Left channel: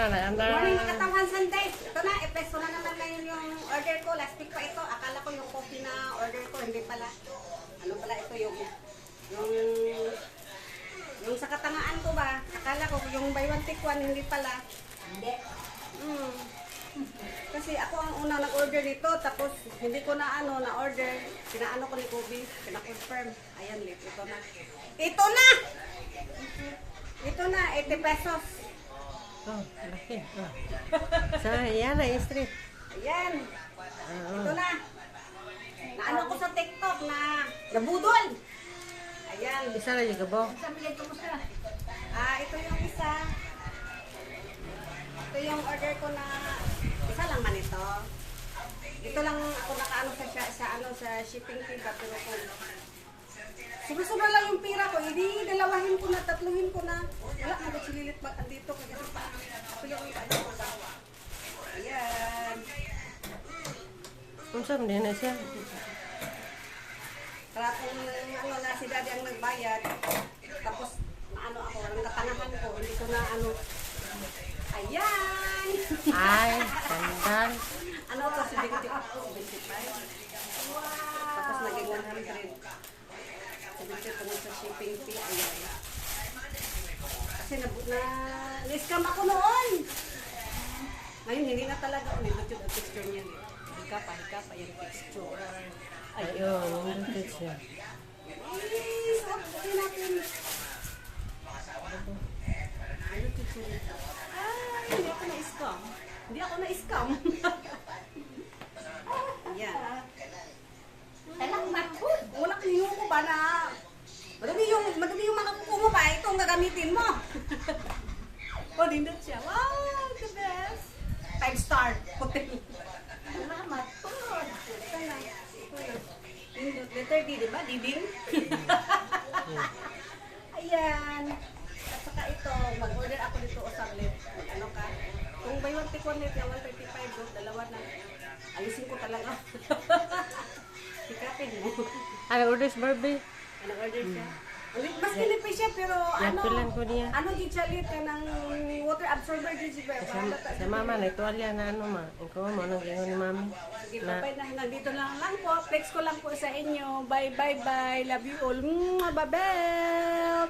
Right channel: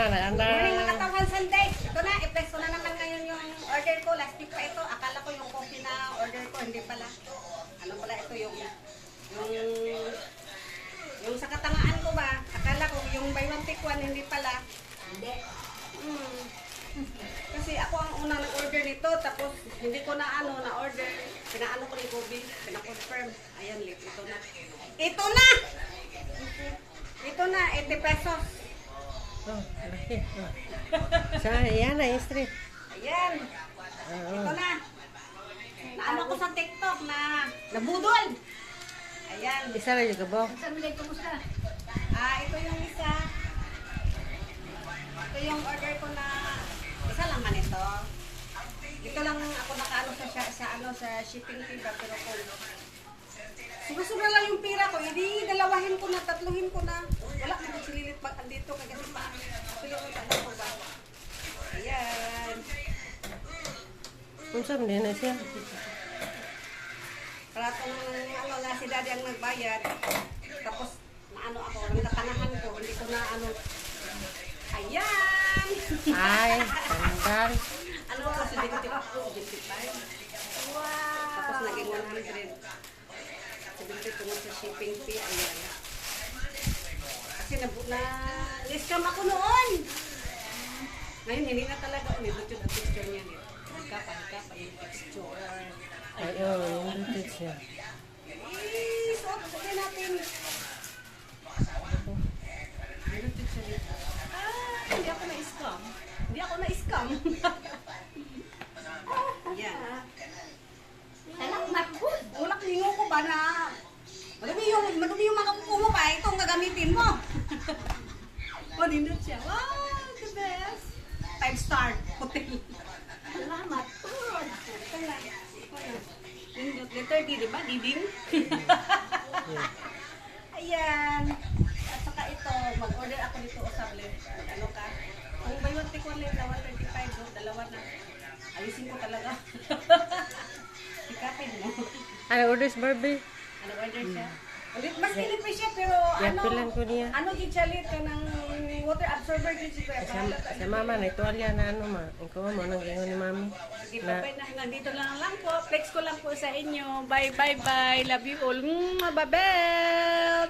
Good morning mga katawan Sunday. Ito na, i-press ko na naman ngayon yung order ko. Last week pa ito. Akala ko yung coffee na order ko. Hindi pala. Ano pala ito yung sa katangaan ko ba? Akala ko yung buy one take one. Hindi pala. Hindi. Kasi ako ang unang nag-order nito. Tapos hindi ko na na-order. Pinaano ko ni Kobe. Pina-confirm. Ayan, ito na. Ito na! Ito na, 80 pesos. Oh, laki. Oh. So, yan na yung street. Ayan. Ito na. Naano ko sa TikTok na nabudol. Ayan. Isa lang yung gabo. Ito yung isa. Ito yung order ko na isa lang man ito. Ito lang ako nakaano sa shipping fee ba pero kung sobra-sobra lang yung pira ko, hindi dalawahin ko na, tatluhin ko na. Wala na magsililit pag andito kasi pa. Ito yung ano ko ba. Ayan. Kung saan din na siya. Kaya kung na si daddy ang nagbayad, tapos naano ako, nagtatanahan ko, hindi ko na ano. Ayan! Ay, sandal. Ano ko, 75. Wow! Tapos naging 100. 70 tungkol sa shipping fee. Ayan. Kasi na-scam ako noon. Ngayon, hindi na talaga. Nilot yung texture niya. Hikap yung texture. Ayun, yung dito siya. Suot ko natin. Nilot yung siya nito. Hindi ako na-scam. Hindi ako na-scam. Ayan. Salamat po. Wala kayong ko ba na madumi yung mga kuko mo pa. Itong gagamitin mo. Nindot siya. Wow, the best. 5-star hotel. Salamat po. Nindot. Letter D, di ba? Diding. Ayan. At saka ito, mag-order ako nito o sablet. Ano ka? Kung buy one take one late, 135, dalawa na. Alisin ko talaga. Sikapin mo. Ano orders, Barbie? Ano order siya? Mas kilit pa siya pero Yapilan ko niya. ano di siya lit ng water absorber di siya. Sa mama, na ituwalya na ano ma. Ikaw mo, nang gingon ni mami. Sige, bye na. Nandito lang po. Flex ko lang po sa inyo. Bye, bye, bye. Love you all. Babel!